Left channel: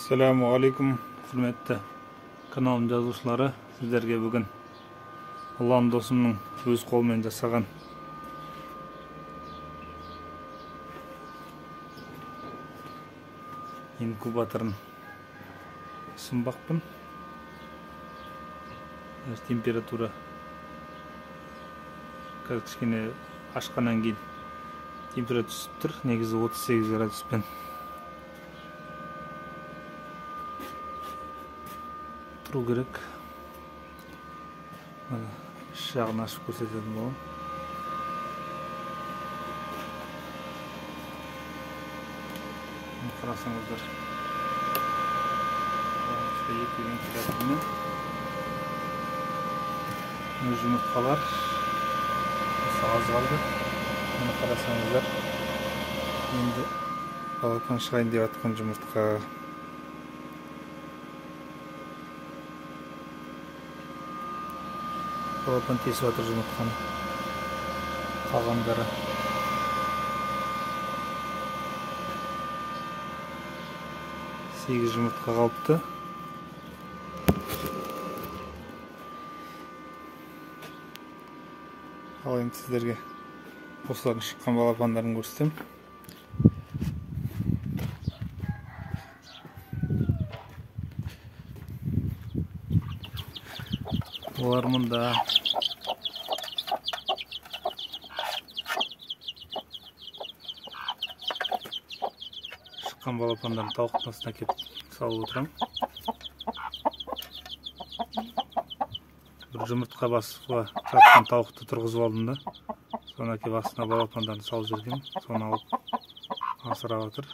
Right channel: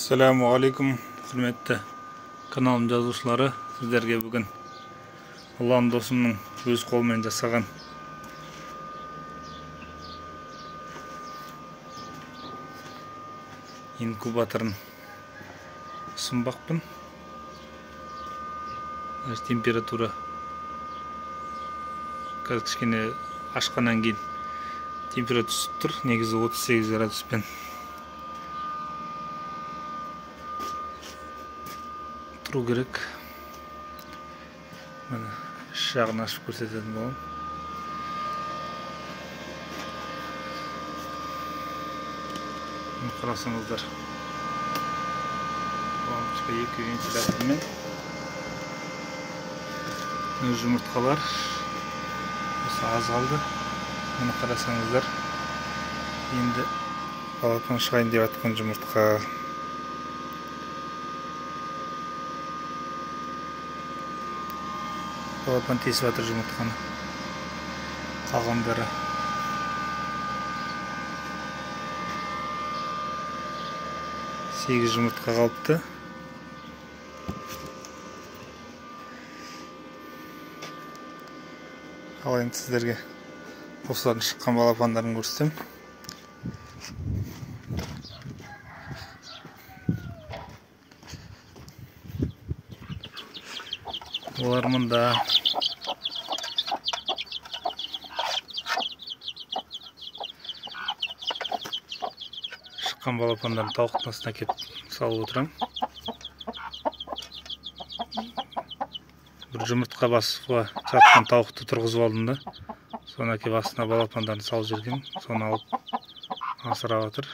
Assalamu alaikum, hürmetli kanalım жазушылары. Сіздерге бүгін ұлан досымның өз қолымен жасаған инкубаторын ұсынбақпын. Температура қазір кішкене ашқаннан кейін температура түсіп тұр. Негізі 38 градуспен тұру керек. Іш жағын ашып көрсететін боламын. Қарасаңыздар, екі вентилятормен жұмыртқалар осы аз қалды. Мұны қарасаңыздар, енді балапан шығайын деп атқан жұмыртқа. Балапан тесіп атыр жұмыртқаны. Қалғандары сегіз жұмыртқа қалыпты. Ал енді сіздерге осылардың шыққан балапандарын көрсетем. Олар мұнда. Шыққан балапандарын тауықтың астына кеп салып отырам. Бір жұмыртқа басуға жатқан тауықты тұрғызып алдым да, соны әкеп астына балапандарын салып жүргем. Соны алып асырап жатыр.